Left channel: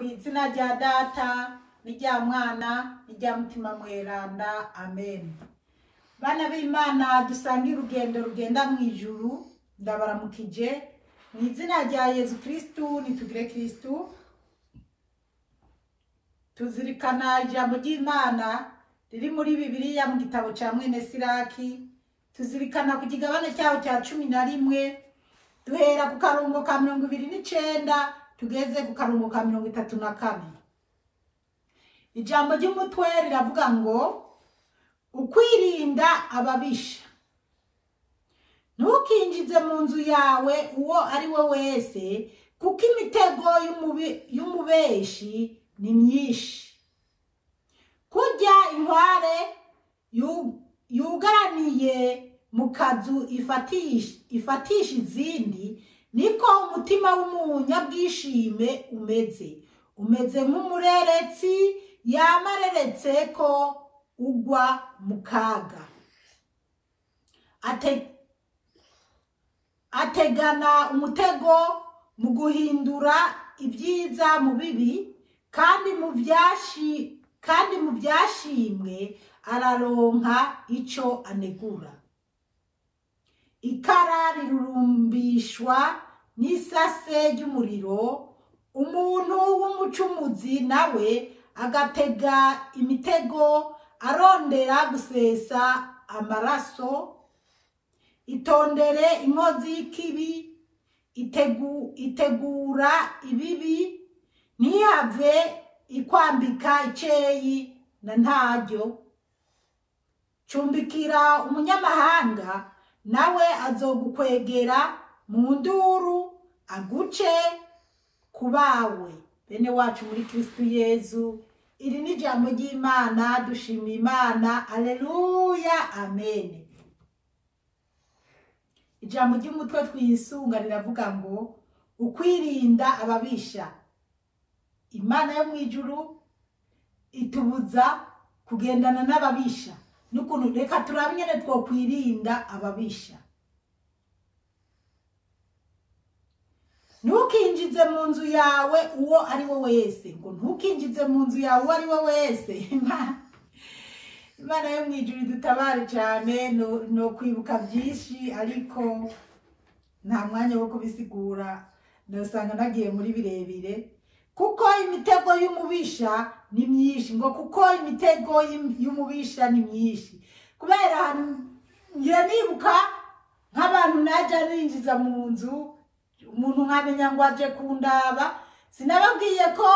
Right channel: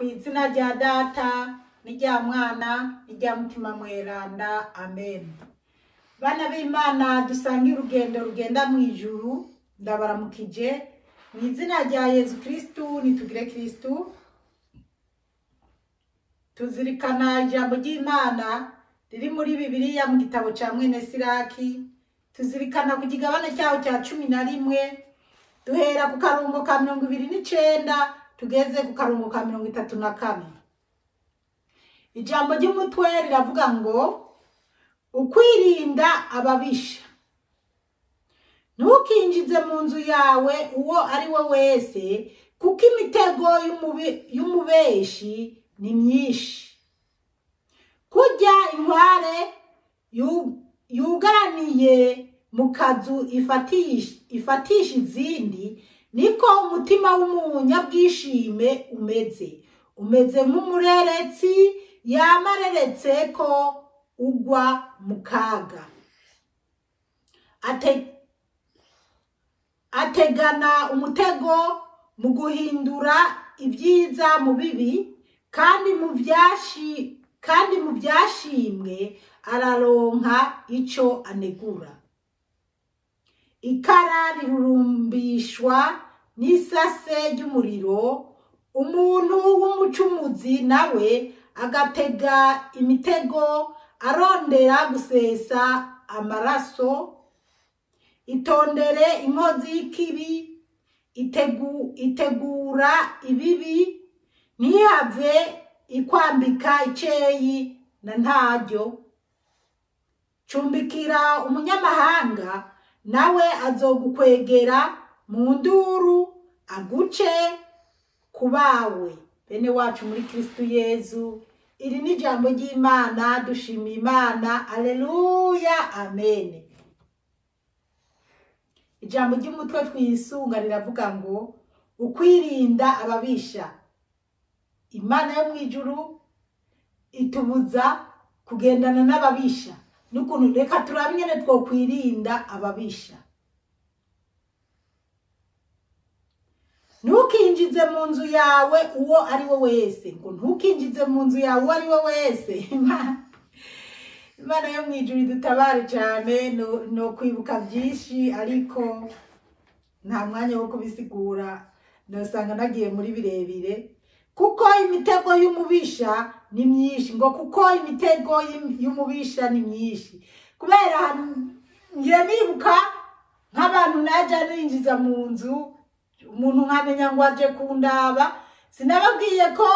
Kw'izina rya Data n'irya Mwana n'irya Mutima Mweranda, amen. Bana b'Imana dusangiye urugendo rugenda mw'ijuru, ndabaramukije mu izina rya Yesu Kristu. Nitugire Kristu. Tuzirikana ijambo ry'Imana riri muri Bibiliya mu gitabo ca mwene Siraki. Tuzirikana ku kigabane cyaho cya 11, duhera ku karongo ka 29 tugeze ku karongo ka 34. Ijambo ry'umutwe riravuga ngo ukwirinda ababisha. Ntukinjize mu nzu yawe uwo ari we wese, kuko imitego y'umubeshi ni myinshi. Kurya inkware yugaraniye mu kazu ifatisha izindi, niko umutima w'umunyabwishime umeze nk'umureretsi yamareretse ko ugwa mu kaga. Ategana umutego mu guhindura ibyiza mu bibi, kandi mu byashimwe araronka ico anegura. Ikara rirurumbishwa n'isase ry'umuriro, umuntu w'umucumuzi nawe agatega imitego arondera gusesa amaraso. Itondere inkozi y'ikibi, itegura ibibi, ntihave ikwambika iceyi na ntaryo. Cumbikira umunyamahanga, nawe azogukwegera mu nduru aguce kubawe. Bene wacu muri Kristu Yesu, iri ni ijambo ry'Imana. Dushimiye Imana. Alleluya, amen. Ijambo ry'umutwe twisunga riravuga ngo ukwirinda ababisha. Imana yo mwijuru itubuza kugendana n'ababisha, n'ukuntu reka turabe nyene two kwirinda ababisha. Ntukinjize mu nzu yawe uwo ari we wese, ngo ntukinjize mu nzu yawe uwo ari we wese. Imana yo mwijuru dutabare cyane. No kwibuka byinshi ariko nta mwanya wo kubisigura, ndasanga nagiye muri birebire. Kuko imitego y'umubisha ni myinshi, ngo kuko imitego y'umubisha ni myinshi. Kubera ngiye nibuka nk'abantu najya ninjiza mu nzu, umuntu nkamenya ngo aje kundaba. Sinababwiye ko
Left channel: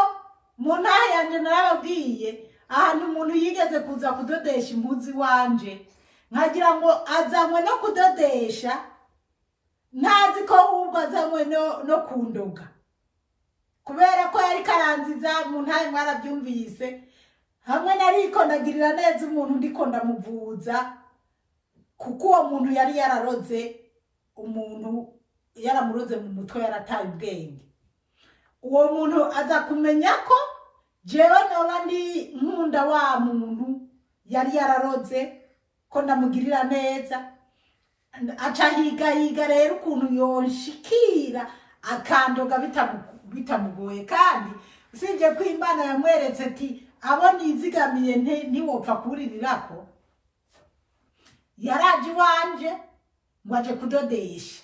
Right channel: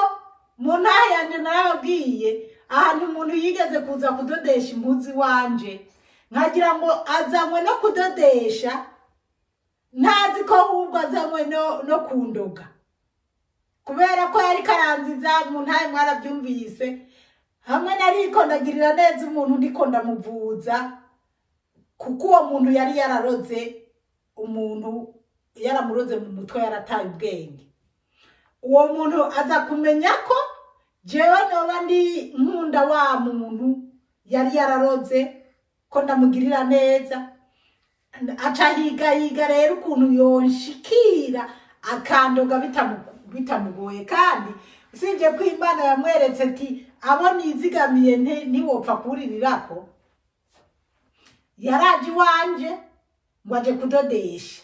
mu ntahe yanje, narababwiye ahantu umuntu yigeze kuza kudodesha imbuzi wanje, nkagira ngo azanywe no kudodesha, ntazi ko ahubwo azanywe no kundoga. Kubera ko yari karanziza mu ntahe, mwarabyumvise. Hamwe nariko ndagirira neza umuntu ndiko ndamuvuza, kuko uwo muntu yari yararoze, umuntu yaramuroze mu mutwe, yarataye ubwenge. Uwo muntu aza kumenya ko jewe noba ndi nkunda wa muntu yari yararoze, ko ndamugirira neza. Aca higa rero ukuntu yonshikira akandoga bitamugoye. Kandi usibye ko Imana yamweretse ati abo nizigamiye ntiwopfa kuririrako, yaraje iwanje ngo aje kudodesha.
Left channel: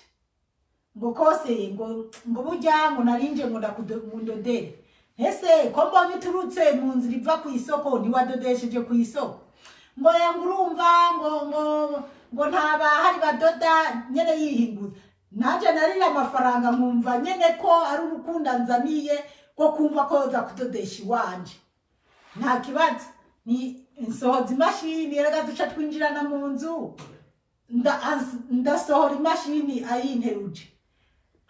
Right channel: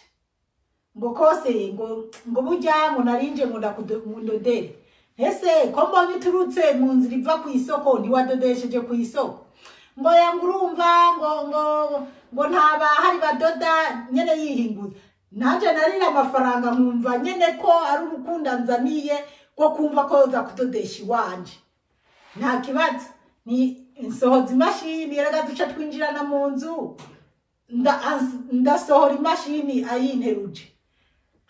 Ngo kose ngo burya ngo narinje ngo ndakudodere. Ese ko mbonye turutse mu nzira iva ku isoko, ntiwadodesheje ku isoko? Ngo yangurumva ngo ntaba hari badoda nyene yihinguza. Nanje narira amafaranga nkumva nyene ko ari urukunda nzaniye ko kumva ko yoza kudodesha iwanje. Nta kibazo, ni insohoza imashini, yaraga duca twinjirana mu nzu, ndasohora imashini ayinteruje.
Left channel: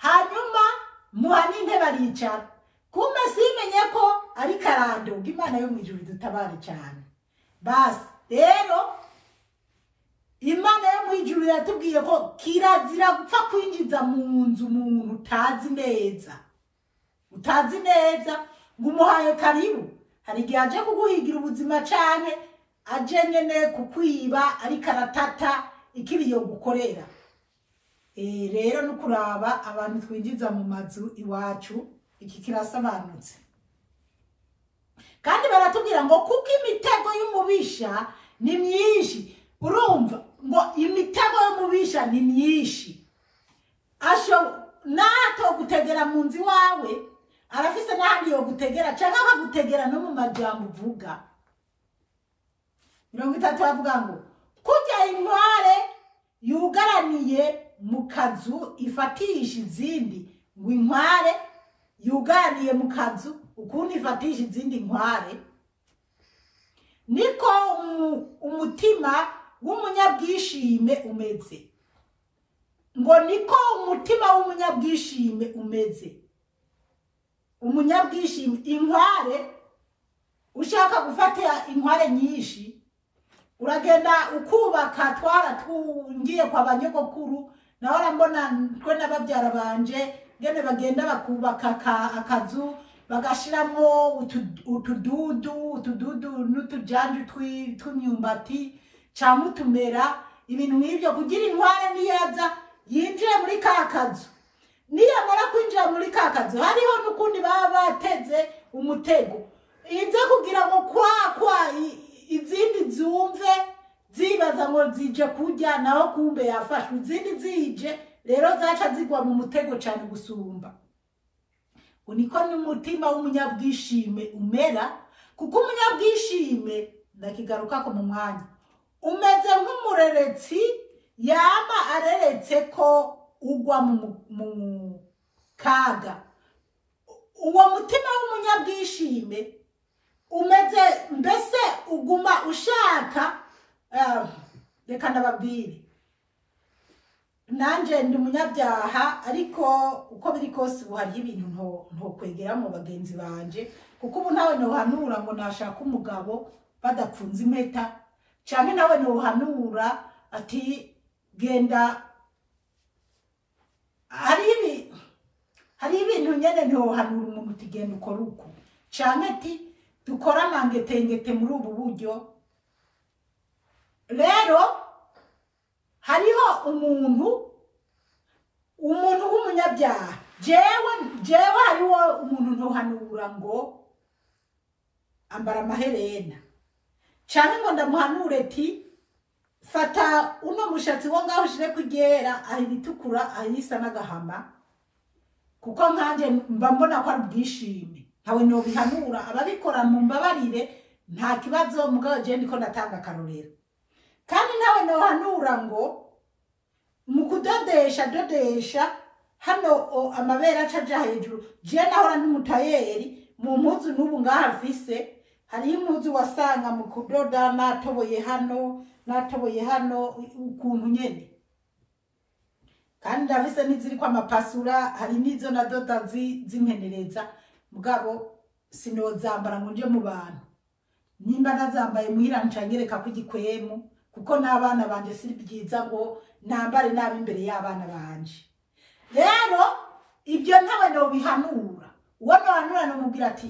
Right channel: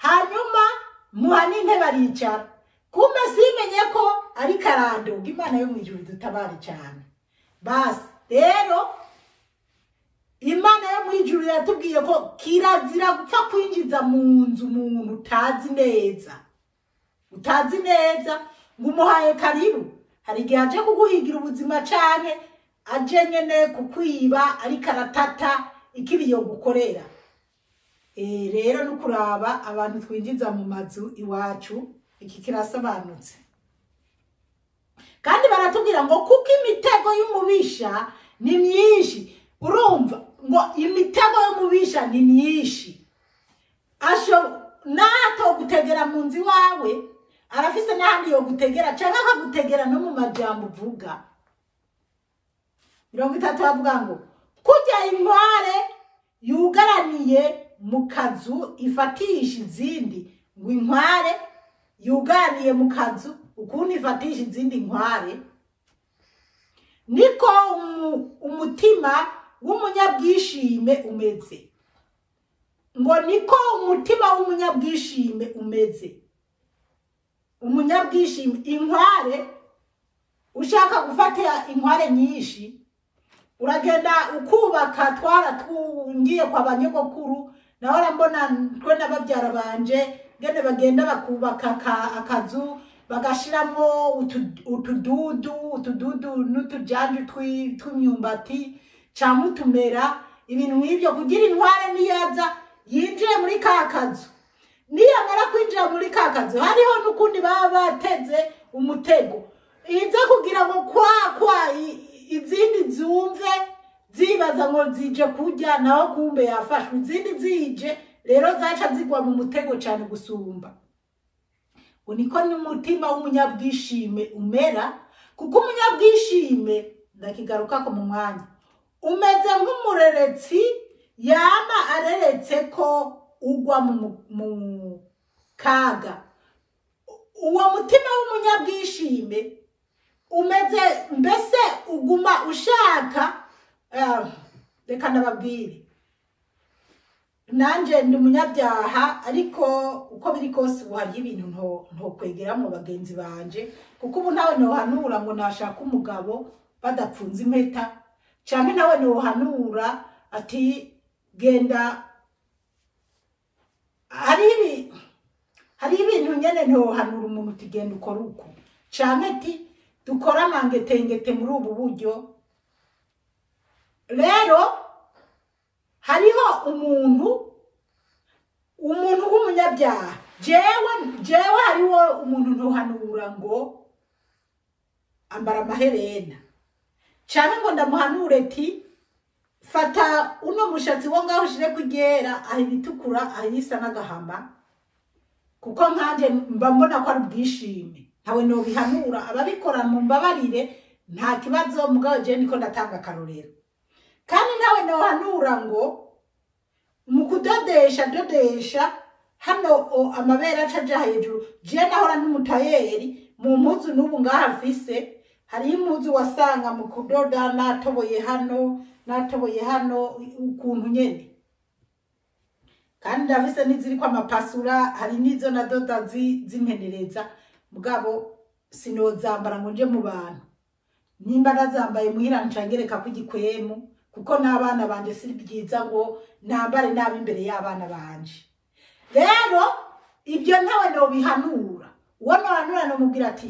Hanyuma muha n'intebe aricara. Kumbe simenye ko ari karado. Imana yo mwijuru dutabare cyane. Basi rero Imana yo mwijuru yatubwiye ko kirazira gupfa kwinjiza mu nzu umuntu utazi neza ngo umuhaye karibu. Hari igihe aje kuguhigira ubuzima canke aje nyene kukwiba ariko aratata ikibi yo gukorera. Rero no kuraba abantu twinjiza mu mazu iwacu, iki kirasobanutse. kandi baratubwira ngo kuko imitego y'umubisha ni myinshi. Urumva ngo imitego y'umubisha ni myinshi, nato gutegera mu nzi wawe arafise n'ahandi yo gutegera cyangwa akagutegera no mu majambo uvuga. 30 bavuga ngo kujya inkware yugaraniye mu kazu ifatisha izindi, ngo inkware yugaraniye mu kazu ukuntu ifatisha izindi nkware, niko umutima w'umunyabwishime umeze. Ngo niko umutima w'umunyabwishime umeze. Umunyabwishime, inkware ushaka gufata inkware nyinshi uragenda ukubaka. Twaratungiye kwa banyogokuru naho arambona twe n'ababyara banje ngene bagenda bakubaka akazu bagashiramo utududu n'utujanje tw'imyumbati cyangwa utumera, ibintu nk'ibyo kugira inkware niyaza yinjire muri ka kazu. Niyamara kwinjira muri ka kazu hariho n'ukundi baba bateze umutego ize kugira ngo kwa izindi zumve zibaza ngo zije kurya, naho kumbe yafashwe. Izindi zije rero zaca zigwa mu mutego cyane gusumba. Uniko n'umutima w'umunyabwishime umera, kuko umunyabwishime ndakigaruka ko mu mwanya umeze nk'umureretsi yama areretse ko ugwa mu kaga. Uwo mutima w'umunyabwishime umeze mbese uguma ushaka reka nababwire nanje ndi umunyabyaha, ariko uko biri kose ubu hari ibintu ntokwegera mu bagenzi banje, kuko ubu nawe nohanura ngo nashaka umugabo badapfunze impeta, cyangwa nawe nohanura ati genda. Hari ibintu nyene ntohanura umuntu utigenda ukora uko, cyangwa ati dukora amangetengete muri ubu buryo. Rero hariho umuntu w'umunyabyaha, jewe hariho umuntu ntohanura ngo ambara amaherena, cyangwa ngo ndamuhanure ati fata uno mushatsi wo ngaho ushire kugera aho ibitukura ahisa n'agahama, kuko nkanje mba mbona ko ari ubwishime. Ntawe no bihanura, ababikora mu mbabarire nta kibazo, mugabo je niko ndatanga akarorero. Kandi ntawe no hanura ngo mu kudodesha hano amabera acaja hejuru. Je nahora n'umutayeri mu mpuzu n'ubu ngaha afise, hari impuzu wasanga mu kudoda natoboye hano ukuntu nyene, kandi ndafise n'iziri kwa mapasura, hari n'izo nadoda zimpenereza, mugabo sinozambara ngo nje mu bantu. Nimba nazambaye muhira ncangereka kugikwemu, kuko n'abana banje siri byiza ngo nambare nabi imbere y'abana banje. Rero ibyo ntawe no bihanura. Uwo no hanura no mubwira ati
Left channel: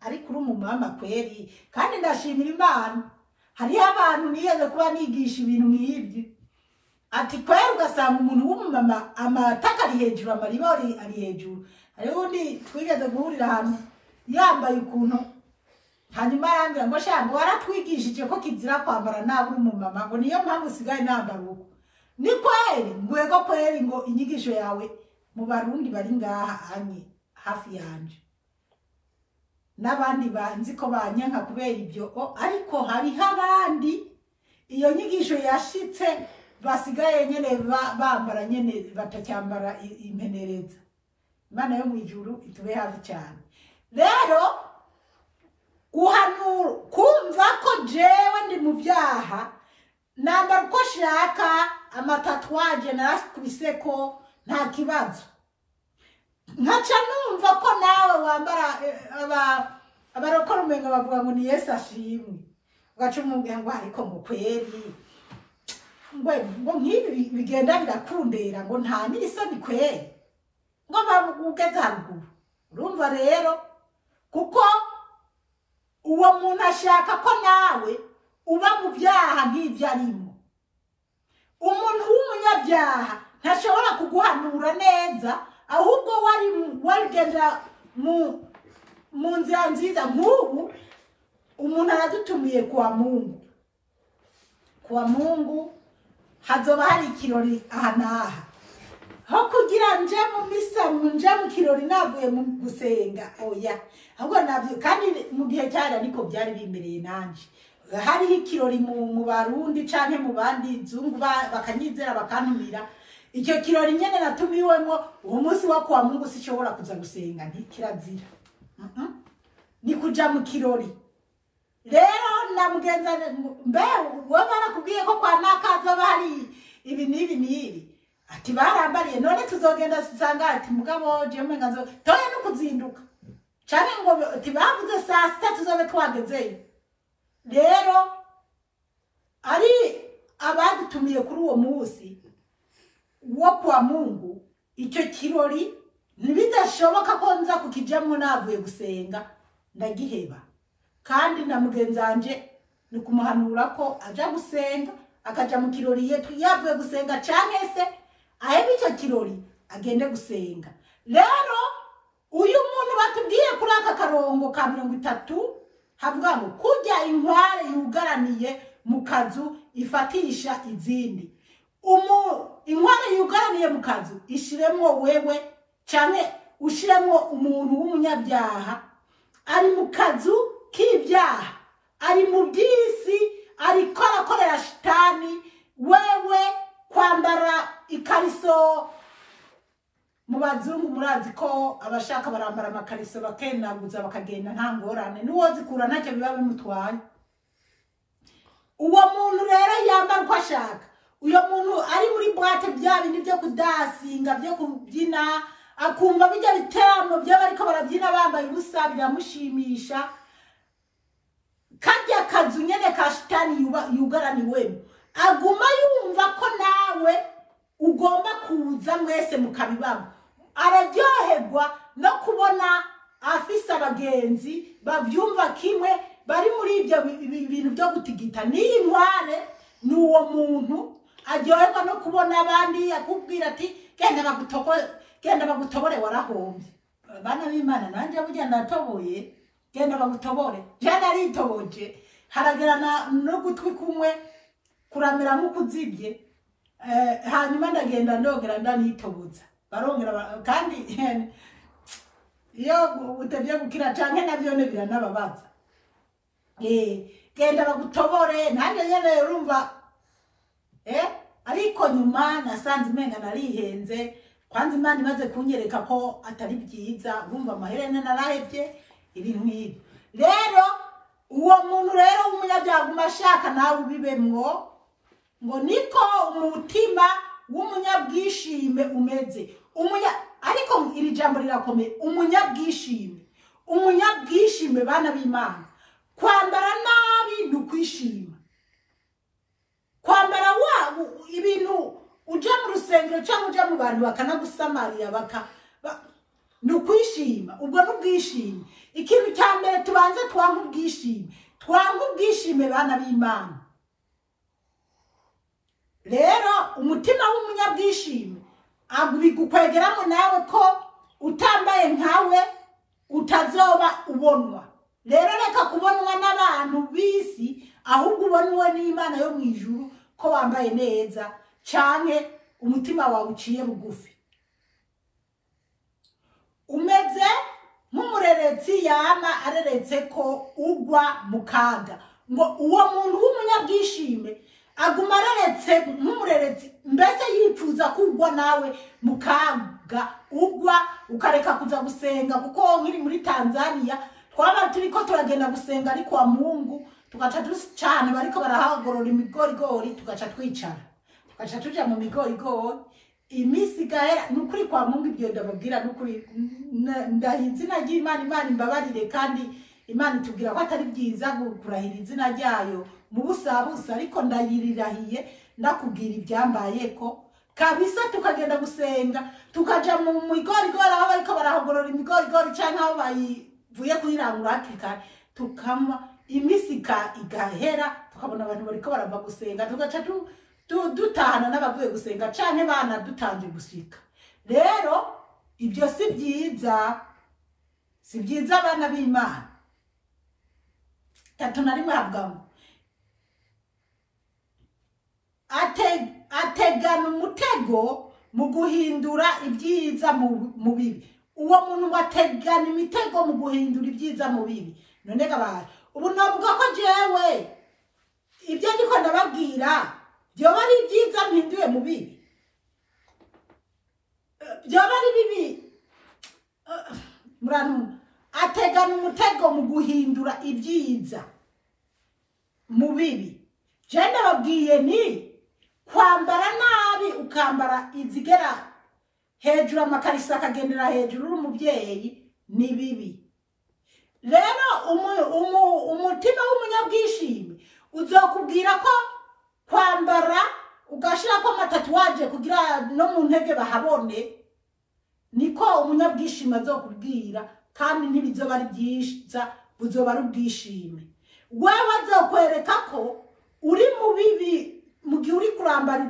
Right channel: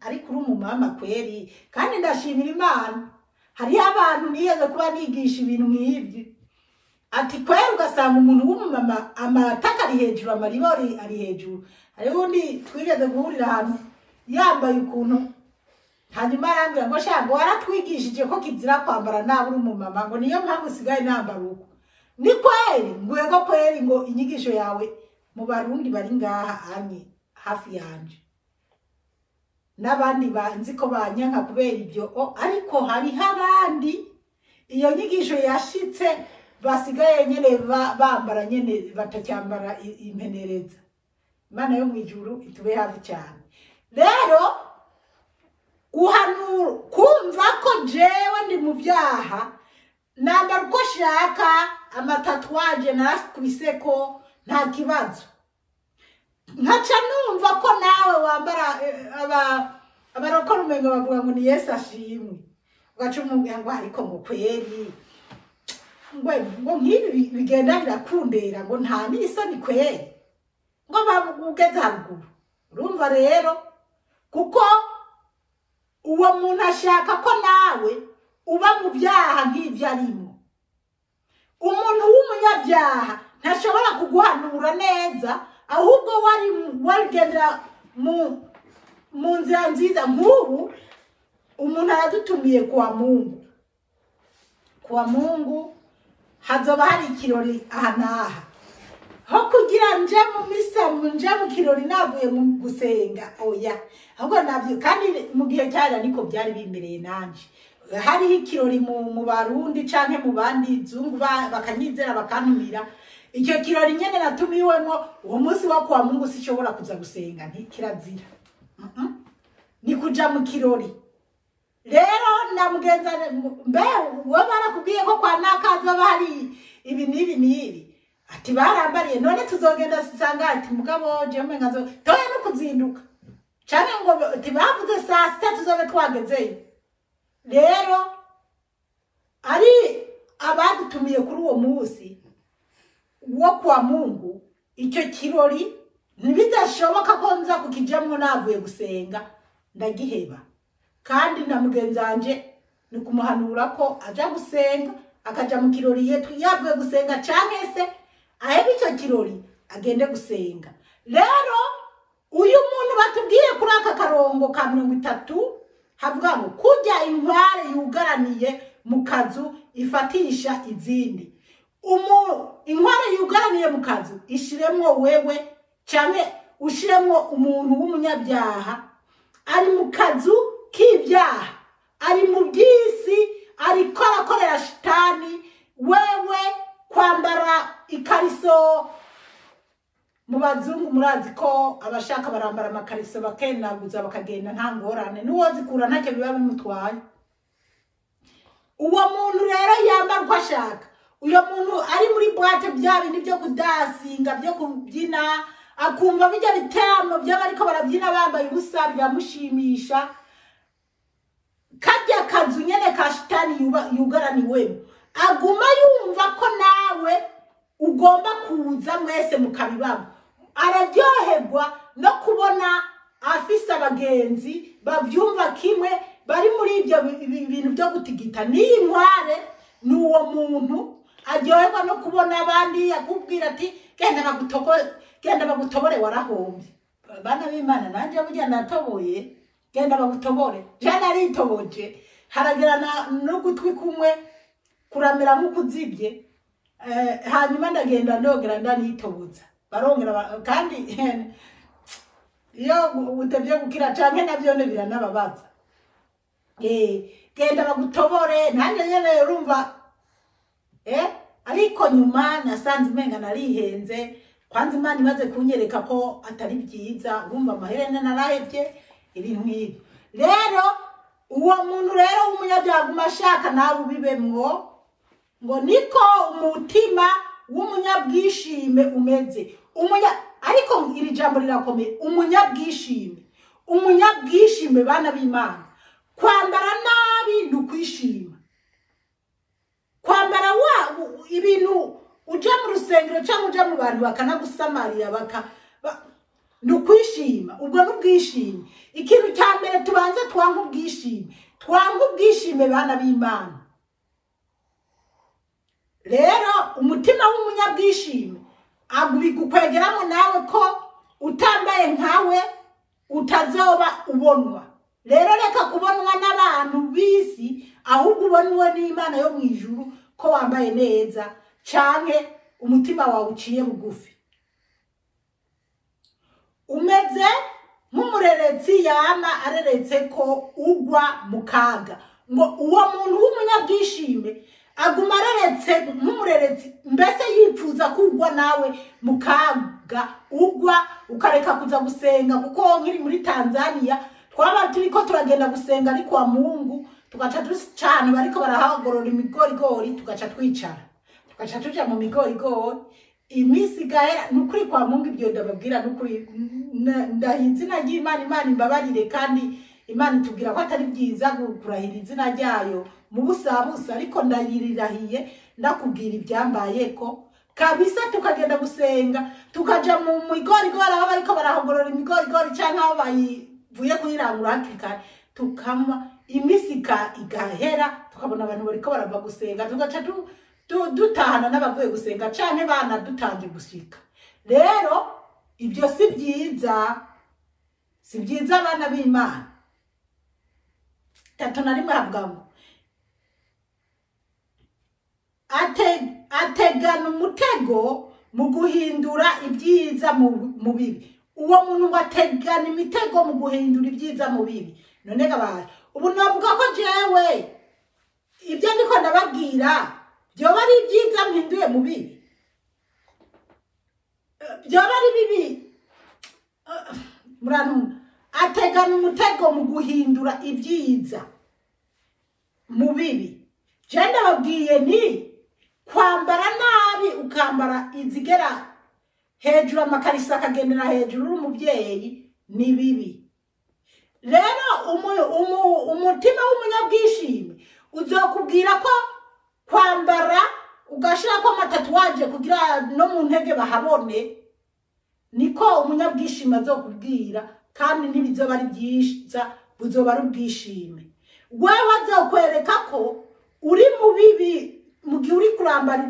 ariko uri umumama kweri, kandi ndashimira Imana. Hari abantu niyeze kuba nigisha ibintu nk'ibyo, ati kweri ugasanga umuntu w'umumama amataka ari hejuru, amaribori ari hejuru. Hari undi twigeze guhurira ahantu yambaye ukuntu, hanyuma arambwira ngo shango waratwigishije ko kizira kwambara nabi umumama, ngo niyo mpamvu usigaye nambara uko. Ni kweri ngwego kweri ngo inyigisho yawe mu barundi bari ngaha anye hafi yanje n'abandi banzi ko banyanka kubera ibyo, ariko hari abandi iyo nyigisho yashitse basigaye nyene bambara nyene batacyambara impenereza. Imana yo mwijuru itube hafi cyane. Rero guhanura kumva ko jewe ndi mu byaha, nambara uko shaka, amatatuwaje narakubise ko nta kibazo, nkaca numva ko nawe wambara abarokora umenga bavuga ngo ni Yesu ashimwe, ugaca umubwira ngo ariko ngo kweri ngo nk'ibi bigenda birakundera, ngo nta n'isoni kweri, ngo bagugeze haruguru. Urumva rero, kuko uwo muntu ashaka ko nawe uba mu byaha nk'ibyo arimo. Umuntu w'umunyabyaha ntashobora kuguhanura neza, ahubwo warigendera mu nzira nziza. Nk'ubu umuntu aradutumiye kwa Mungu. Kwa Mungu hazoba hari ikirori aha n'aha. Aho kugira nje mu misa nje mu kirori navuye mu gusenga oya. Ahubwo navyo kandi mu gihe cyari ariko byari bimereye nanje. Hari ikirori mu Barundi canke mu bandi zungu bakanyizera bakantumira. Icyo kirori nyene natumiwemo uwo munsi wa kwa Mungu sishobora kuza gusenga nti kirazira. Ni kuja mu kirori. Rero namugenza mbe we barakubwiye ko kwa nakaza bari ibi nibi ati barambariye none tuzogenda sisanga ati mugabo je mwengazo toye no kuzinduka cyane ngo tibavuze saa 6 tuzobe twagezeyo. Rero ari abadutumiye kuri uwo munsi wo kwa Mungu icyo kirori ntibidashoboka ko nza kukijamwe navuye gusenga ndagiheba. Kandi na mugenzanje ni kumuhanura ko aja gusenga akaja mu kirori yetu yavuye gusenga canke se ahebe icyo kirori agende gusenga. Rero uyu muntu batubwiye kuri aka karongo ka 30 havuga ngo kujya inkware yugaraniye mu kazu ifatisha izindi. Inkware yugaraniye mu kazu ishiremwo wewe canke ushiremwo umuntu w'umunyabyaha ari mu kazu k'ibyaha, ari mu byisi, ari korakorera shitani. Wewe kwambara ikariso mu bazungu murazi ko abashaka barambara amakariso bakenaguza bakagenda nta ngorane nuwo zikura ntacyo biba bimutwaye. Uwo muntu rero yambara uko ashaka. Uyo muntu ari muri boîte bya bindi byo kudasinga byo kubyina akumva bijya bitamo by'abariko barabyina bambaye ubusa biramushimisha. Kajya kazu nyene ka shitani yugaraniwemo aguma yumva ko nawe ugomba kuza mwese mukabibamo. Araryoherwa no kubona afisa abagenzi bavyumva kimwe bari muri ibyo bintu byo gutigita. Ni inkware nuwo muntu aryoherwa no kubona abandi akubwira ati genda bagutobore warahombye. Bana b'Imana nanje burya natoboye genda bagutobore. Jana aritoboje haragerana no gutwi kumwe kuramera nk'ukuzibye. Hanyuma ndagenda ndogera ndanitobuza barongera kandi iyo utevye gukira canke navyo ne biranababaza. Genda bagutobore nanje nyene urumva ariko nyuma nasanze umenga narihenze. Kwanza Imana imaze kunyereka ko atari byiza urumva amaherene narahevye ibintu nk'ibyo. Rero uwo muntu rero w'umunyabyaha umashaka nawe ubibemwo ngo niko umutima w'umunyabwishime umeze. Ariko iri jambo rirakomeye umunyabwishime bana b'Imana. Kwambara nabi ndukwishima. Kwambara ibintu uja mu rusengero cyangwa uja mu bantu bakanagusamarira nukwishima. Ubwo n'ubwishime. Ikintu cya mbere tubanze twanga ubwishime bana b'Imana. Rero umutima w'umunyabwishime agubikukwegeramo nawe ko utambaye nkawe utazoba ubonwa. Rero reka kubonwa n'abantu bisi ahubwo ubonwe n'Imana yo mu ijuru ko wambaye neza canke umutima wawe uciye bugufi. Umeze nk'umurerezi yama areretse ko ugwa mu kaga. Ngo uwo muntu w'umunyabwishime aguma areretse nk'umurerezi mbese yipfuza kugwa nawe mu kaga ugwa ukareka kuza gusenga. Kuko nkiri muri Tanzania twaba turiko turagenda gusenga ariko wa Mungu tugaca ducana bariko barahagorora imigorigori tugaca twicara tugaca tuja mu migorigori. Imisi gahera nukuri kwa Mungu ibyo ndababwira nukuri ndahinze nagiye Imana imbabarire kandi Imana itubwira ko atari byiza kurahira izina ryayo mu busabusa. Ariko ndayirirahiye ndakubwira ibyambayeko kabisa. Tukagenda gusenga tukaja mu migorigori aho bariko barahagorora imigorigori canke aho bayivuye kuyirangura hakika tukama imisi igahera tukabona abantu bariko barava gusenga tugaca dutahana n'abavuye gusenga canke bana dutangiye gusika. Rero ibyo si byiza abana b'Imana. 31 havuga ngo ategana umutego mu guhindura ibyiza mu bibi. Uwo muntu ngo ategana imitego mu guhindura ibyiza mu bibi. None gabaye ubu navuga ko jewe ibyo ndiko ndababwira byoba ari ibyiza mpinduye mu bibi, byoba ari bibi. Murantu ategana umutego mu guhindura ibyiza mu bibi. Je ndababwiye ni kwambara nabi ukambara izigera hejuru, amakarisa akagendera hejuru umuvyeyi ni bibi. Rero umutima w'umunyabwishimi uzokubwira ko kwambara ugashira ko amatatuwaje kugira no mu ntege bahabone, niko umunyabwishimi azokubwira, kandi ntibizoba ari byiza, buzoba ari ubwishime. Wewe azokwereka ko uri mu bibi mu gihe uri kurambara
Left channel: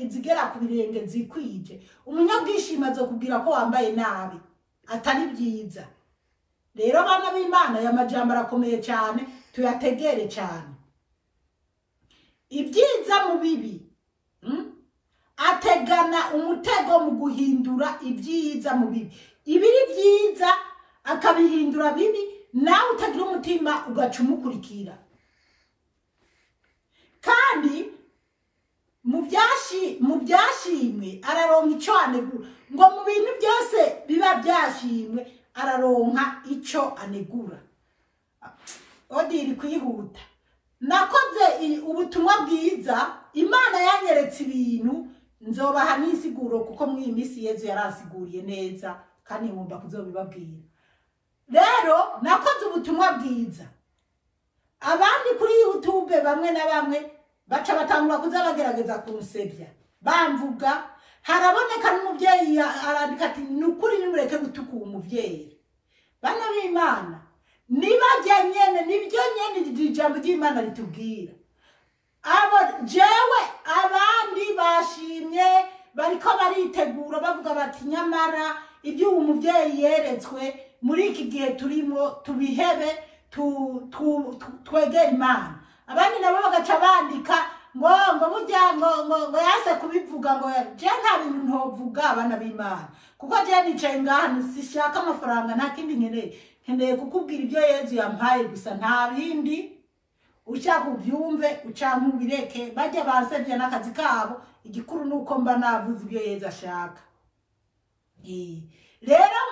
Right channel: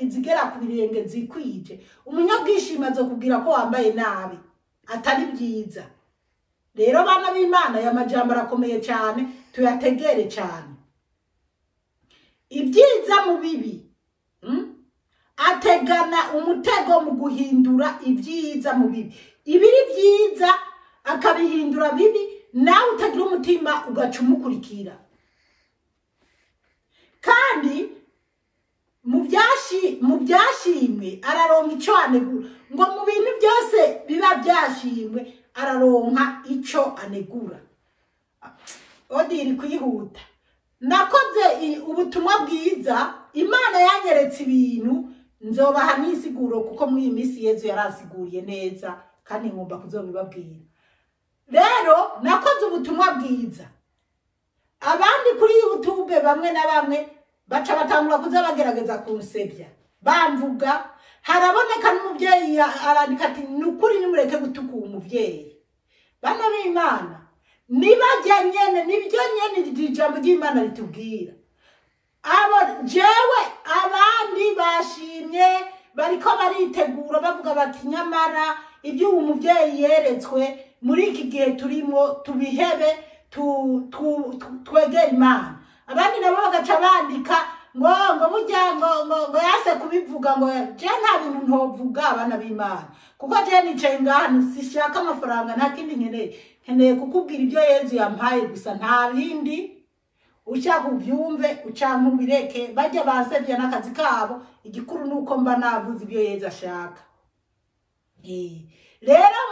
izigera ku birenge zikwije. Umunyabwishimi azokubwira ko wambaye nabi, atari byiza. Rero bana b'Imana, ya majambo arakomeye cyane, tuyategere cyane. Ibyiza mu bibi, ategana umutego mu guhindura ibyiza mu bibi. Ibiri byiza akabihindura bibi, nawe utagira umutima ugaca umukurikira. Kandi mu byashimwe araronka icyo anegura. Ngo mu bintu byose biba byashimwe araronka icyo anegura. Odiri kwihuta. Nakoze ubutumwa bwiza, Imana yanyeretse ibintu, nzobaha n'insiguro kuko muri iyi minsi Yezu yarasiguriye neza kandi ngomba kuzobibabwira. Rero nakoze ubutumwa bwiza, abandi kuri YouTube bamwe na bamwe baca batangura kuza bagerageza kunsebya bamvuga. Haraboneka n'umuvyeyi arandika ati nukuri nimureke gutuka umuvyeyi. Bana b'Imana, nibajya nyene nibyo nyene ijambo ry'Imana ritubwira. Abo jewe abandi bashimye bariko baritegura bavuga bati nyamara ibyo umuvyeyi yeretswe muri iki gihe turimo tubihebe twegera Imana. Abandi nabo bagaca bandika ngo burya ngo yase kubivuga ngo je nta bintu ntovuga. Abana b'Imana, kuko je nicaye ngaha sishaka amafaranga, nta kindi nkeneye kukubwira ibyo Yezu yampaye gusa, nta bindi. Ushaka ubyumve ucanka ubireke, bajya bansebya n'akazi kabo. Igikuru nuko mba navuze ibyo Yezu ashaka. Rero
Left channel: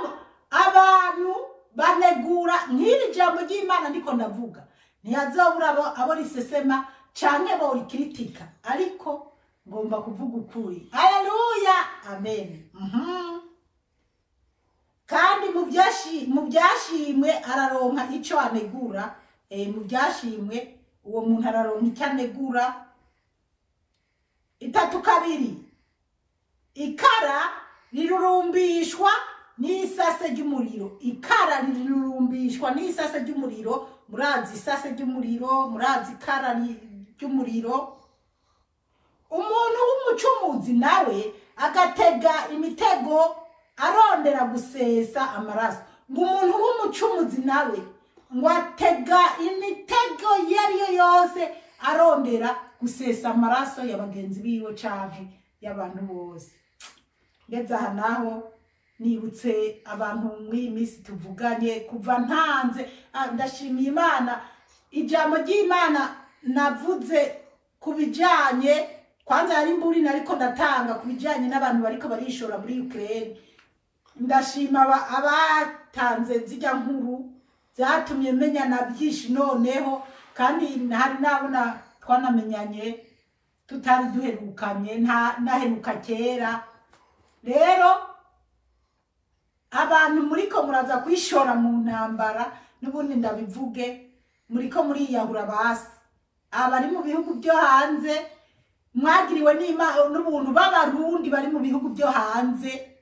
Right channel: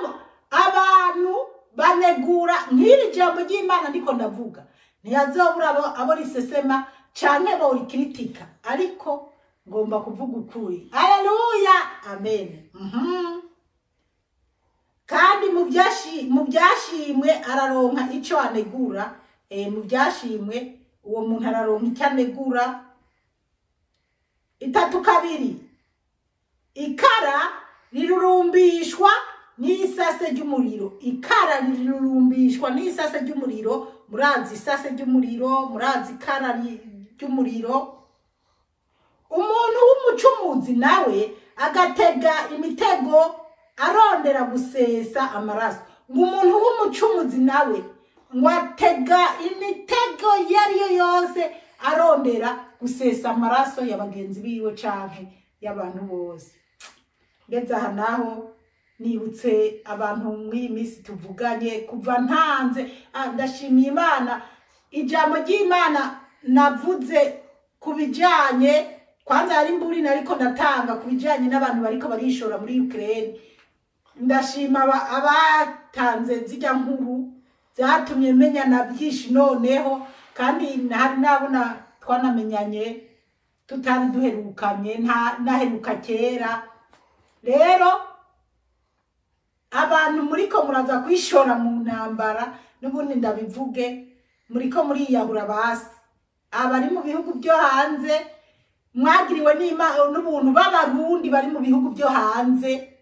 abantu banegura nk'iri jambo ry'Imana ndiko ndavuga, ntiyazobura abo risesema canke bo rikritika, ariko ngomba kuvuga ukuri. Haleluya, amen. Kandi mu byashimwe araronka ico anegura. Mu byashimwe uwo muntu araronka icyo anegura. 3:2 ikara rirurumbishwa n'isase ry'umuriro. Ikara rirurumbishwa n'isase ry'umuriro. Murazi isase ry'umuriro, murazi ikara ry'umuriro. Umuntu w'umucumuzi nawe agatega imitego arondera gusesa amaraso. Umuntu w'umucumuzi nawe ngo atega imitego yariyo yose arondera gusesa amaraso y'abagenzi biwe canke y'abantu bose. Ndetse aha naho nibutse abantu mw'iyi minsi tuvuganye kuva ntanze. Ndashimiye Imana, ijambo ry'Imana navuze kubijanye, kwanza ari mburi nariko ndatanga kubijanye n'abantu bariko barishora muri Ukraine. Ndashima abatanze zijya nkuru zatumye menya na byinshi noneho, kandi hari nabona twanamenyanye tutari duherukanye, naheruka kera. Rero abantu muriko muraza kwishora mu ntambara, n'ubundi ndabivuge, muriko muriyahura basi. Abari mu bihugu byo hanze mwagiriwe n'ubuntu b'abarundi bari mu bihugu byo hanze,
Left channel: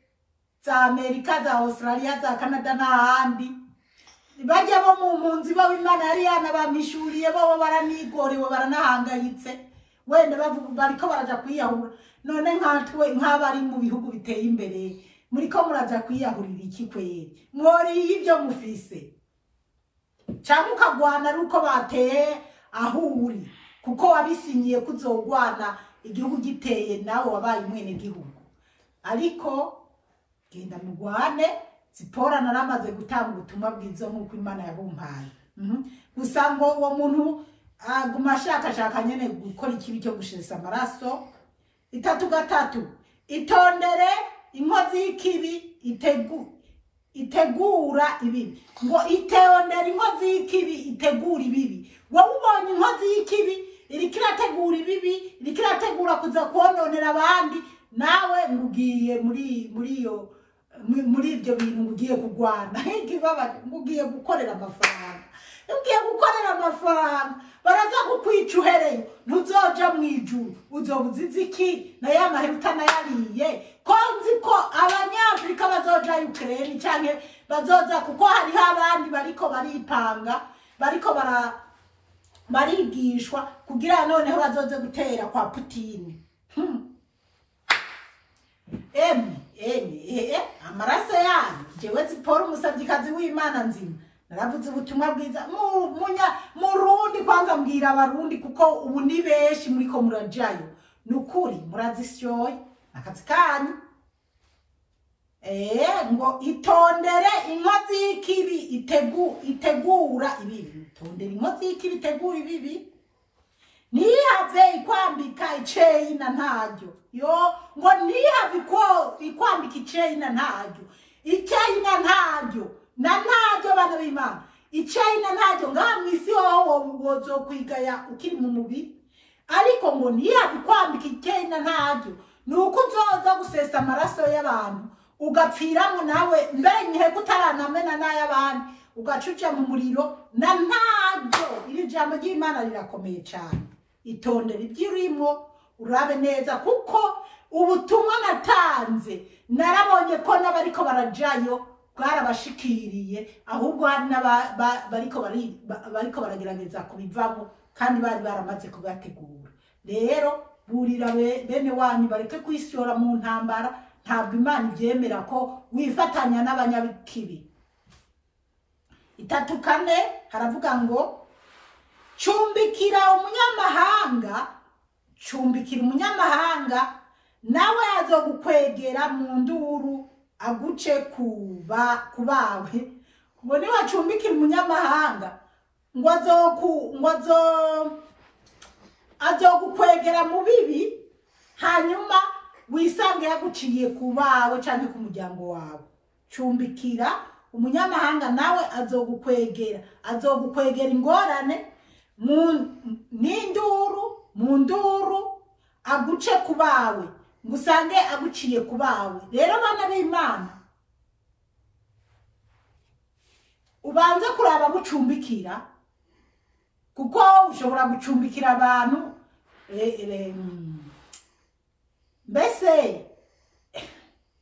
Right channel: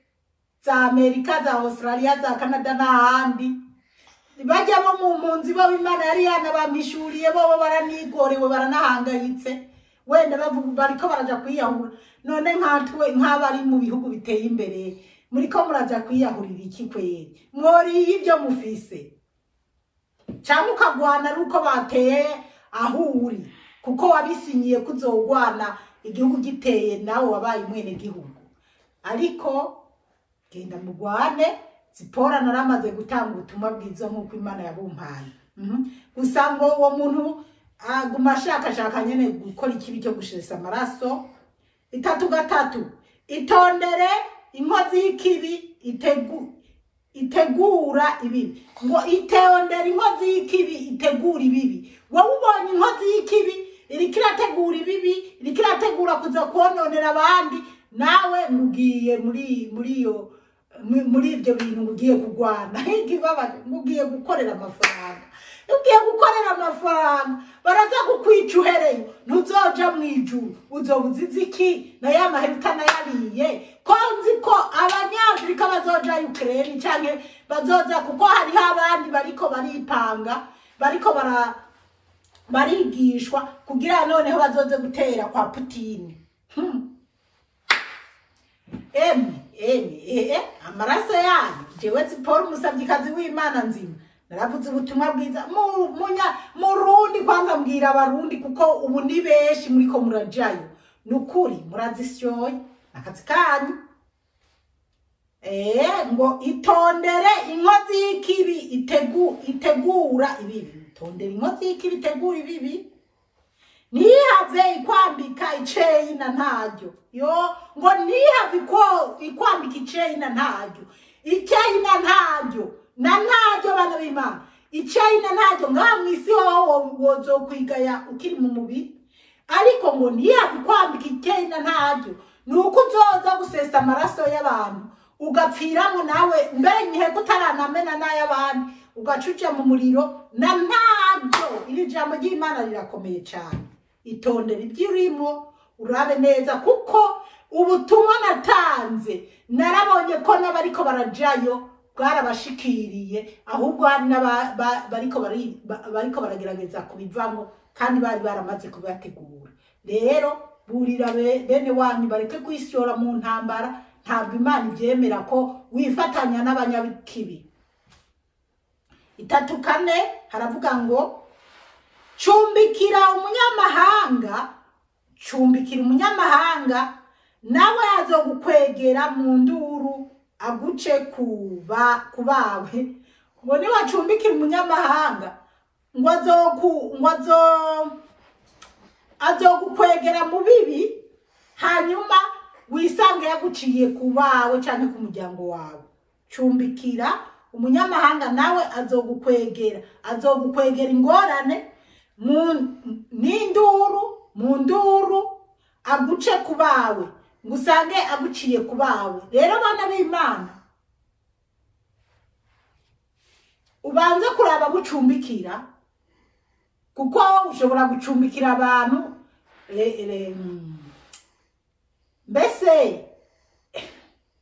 za Amerika, za Australia, za Canada n'ahandi. Bajya bo mu mpunzi bo Imana yari yanabamishuriye, bo baranigorewe baranahangayitse, wenda bariko baraja kwiyahura. None nkatwe nk'abari mu bihugu biteye imbere muriko muraja kwiyahurira iki kweri? Mwori ibyo mufise. cyangwa ukagwana nuko bateye aho uri kuko wabisinyiye kuzogwana igihugu giteye nawe wabaye mwene gihugu. Ariko genda mugwane. Zipora naramaze gutanga ubutumwa bwiza nk'uko Imana yabumpaye. Gusa ngo uwo muntu aguma ashaka nyene gukora ikibi cyo gushesa amaraso. 3 itondere inkozi y'ikibi itegura ibibi. Ngo itondere inkozi y'ikibi itegura ibibi. Wowe ubonye inkozi y'ikibi iriko irategura ibibi, iriko irategura kuza kononera abandi, nawe mugiye muri ibyo bintu ngugiye kugwana. Ngugiye gukorera amafaranga. Ugiye gukorera amafaranga baraza kukwica uhereyo, ntuzoja mu ijuru. Uzobuziza iki na ya maheruka nayariye? Ko nzi ko abanyafrika bazoja Ukraine canke bazoza, kuko hariho abandi bariko baripanga, bariko barigishwa kugira noneho bazoze gutera kwa Putin. Amaraso yanyu jewe Zipora umusabyikazi w'Imana nzima naravuze ubutumwa bwiza murundi. Kwanza mbwira abarundi kuko ubu ni benshi muriko murajayo, nukuri murazisyoye akazi kanyu. Ngo itondere inkozi y'ikibi itegura ibibi. Itondere inkozi y'ikibi itegura ibibi. Ntihave ikwambika iceyi na ntaryo. Ngo ntihave ikwambika iceyi na ntaryo. Iceyi na ntaryo. Na ntaryo bana b'Imana. Iceyi na ntaryo ngaha mw'isi wowe wozokwigaya ukiri mu mubiri. Ariko ngo ntihave ikwambika iceyi na ntaryo. Nuko uzoza gusesa amaraso y'abantu. Ugapfiramo nawe mbere nyihe kutaranamena n'ay'abandi. Ugacuca mu muriro na ntaryo. Iri jambo ry'Imana rirakomeye cyane. Itondere iby'irimo urabe neza kuko ubutumwa natanze narabonye ko n'abariko barajayo bwarabashikiriye, ahubwo hari bariko baragerageza kubivamo kandi bari baramaze kubategura. Rero burira bene wanyu bareke kwisyora mu ntambara. Ntabwo Imana ibyemera ko wifatanya n'abanyabikibi. 3 haravuga ngo cumbikira umunyamahanga nawe azogukwegera mu nduru aguce kubawe. Ngo ni wacumbikira umunyamahanga ngo azogukwegera mu bibi, hanyuma wisange yaguciye kubawe cyane ku muryango wawe. Cumbikira umunyamahanga nawe azogukwegera ingorane mu nduru aguce kubawe, ngusange aguciye kubawe. Rero bana b'Imana ubanze kuraba gucumbikira, kuko ushobora gucumbikira abantu mbese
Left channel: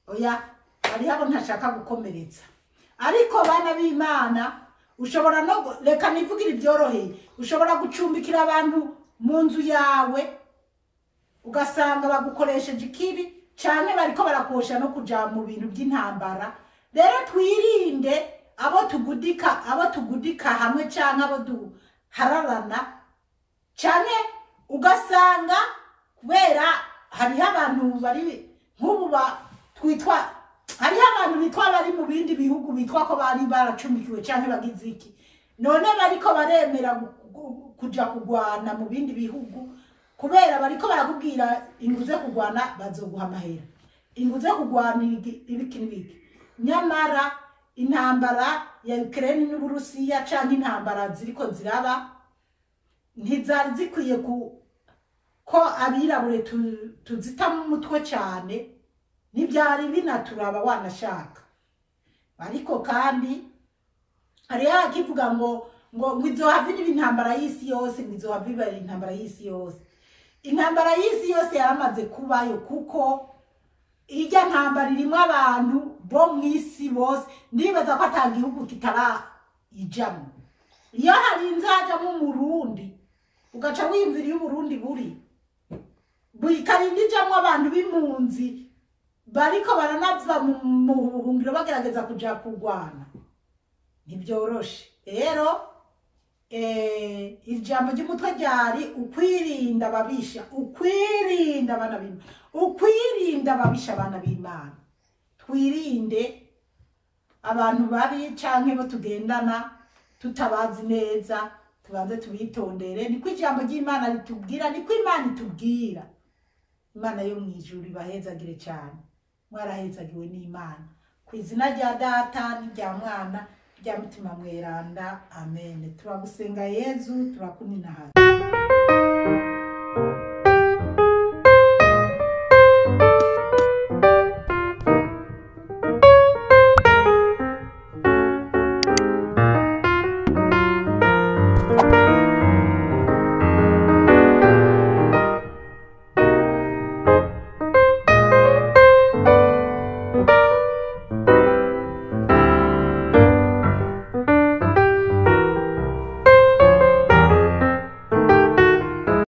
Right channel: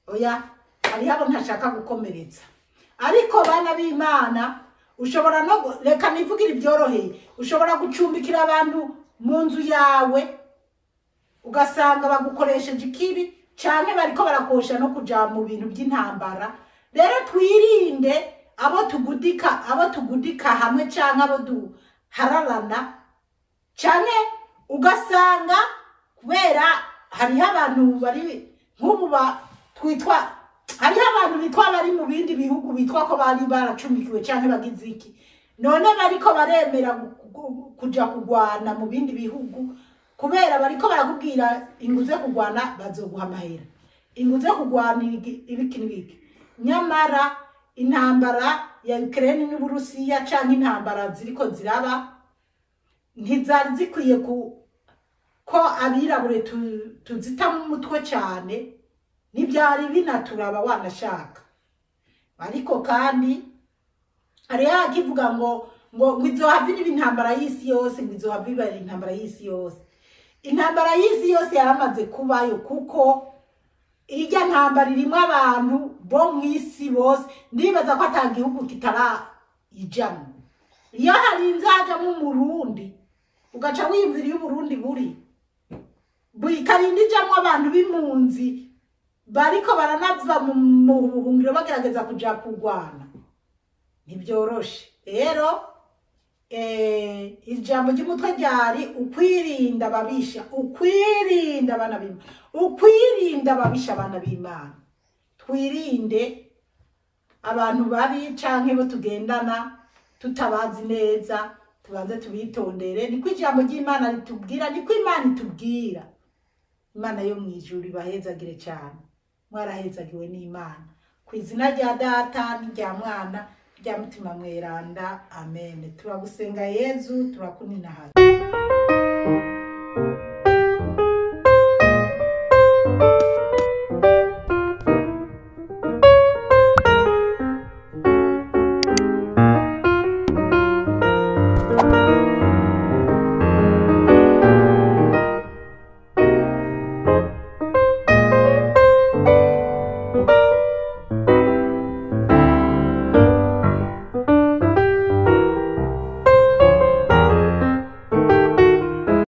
oya hari abo ntashaka gukomeretsa. Ariko bana b'Imana ushobora no reka nivugira ibyoroheye, ushobora gucumbikira abantu mu nzu yawe ugasanga bagukoresheje ikibi cyane bariko barakosha no kuja mu bintu by'intambara. Rero twirinde abo tugudika hamwe cyane abo duhararana cyane. Ugasanga kubera hari abantu bari nk'ubu twitwa, hari abantu bitwa bari mu bindi bihugu bitwa ko bari baracumbikiwe cyane bagize iki, none bariko baremera kuja kugwana mu bindi bihugu kubera bariko barakubwira inguze kugwana bazoguha amahera, inguze kugwana ibiki. Nyamara intambara ya Ukraine n'Uburusiya cyangwa intambara ziriko ziraba ntizari zikwiye ko abirabure tuzita mu mutwe cyane. Nibyari binaturaba wanashaka. Ariko kandi ari yakivuga ngo izohavira intambara y'isi yose, izohavira intambara y'isi yose. Intambara y'isi yose yaramaze kubayo kuko ijya ntambara irimo abantu bo mw'isi bose. Ndibaza ko atagihugu kitarayijamo. Iyo hari inzaja mu Burundi ugaca wiyumvira iyo Burundi buri ijamwo abantu b'impunzi bariko baranava mu buhungiro bagerageza kuja kugwana, ntibyoroshe. Rero ijambo ry'umutwe ryari ukwirinda ababisha, ukwirinda abana b'Imana, ukwirinda ababisha abana b'Imana. Twirinde abantu babi canke bo tugendana tutabazi neza, tubanze tubitondere. Niko ijambo ry'Imana ritubwira, niko Imana itubwira. Imana yo mwijuru ibahezagire cyane, mwarahezagiwe n'Imana. Kw'izina rya Data n'irya Mwana rya Mutima Mweranda, amen. Turagusenga Yezu, turakuninahaza.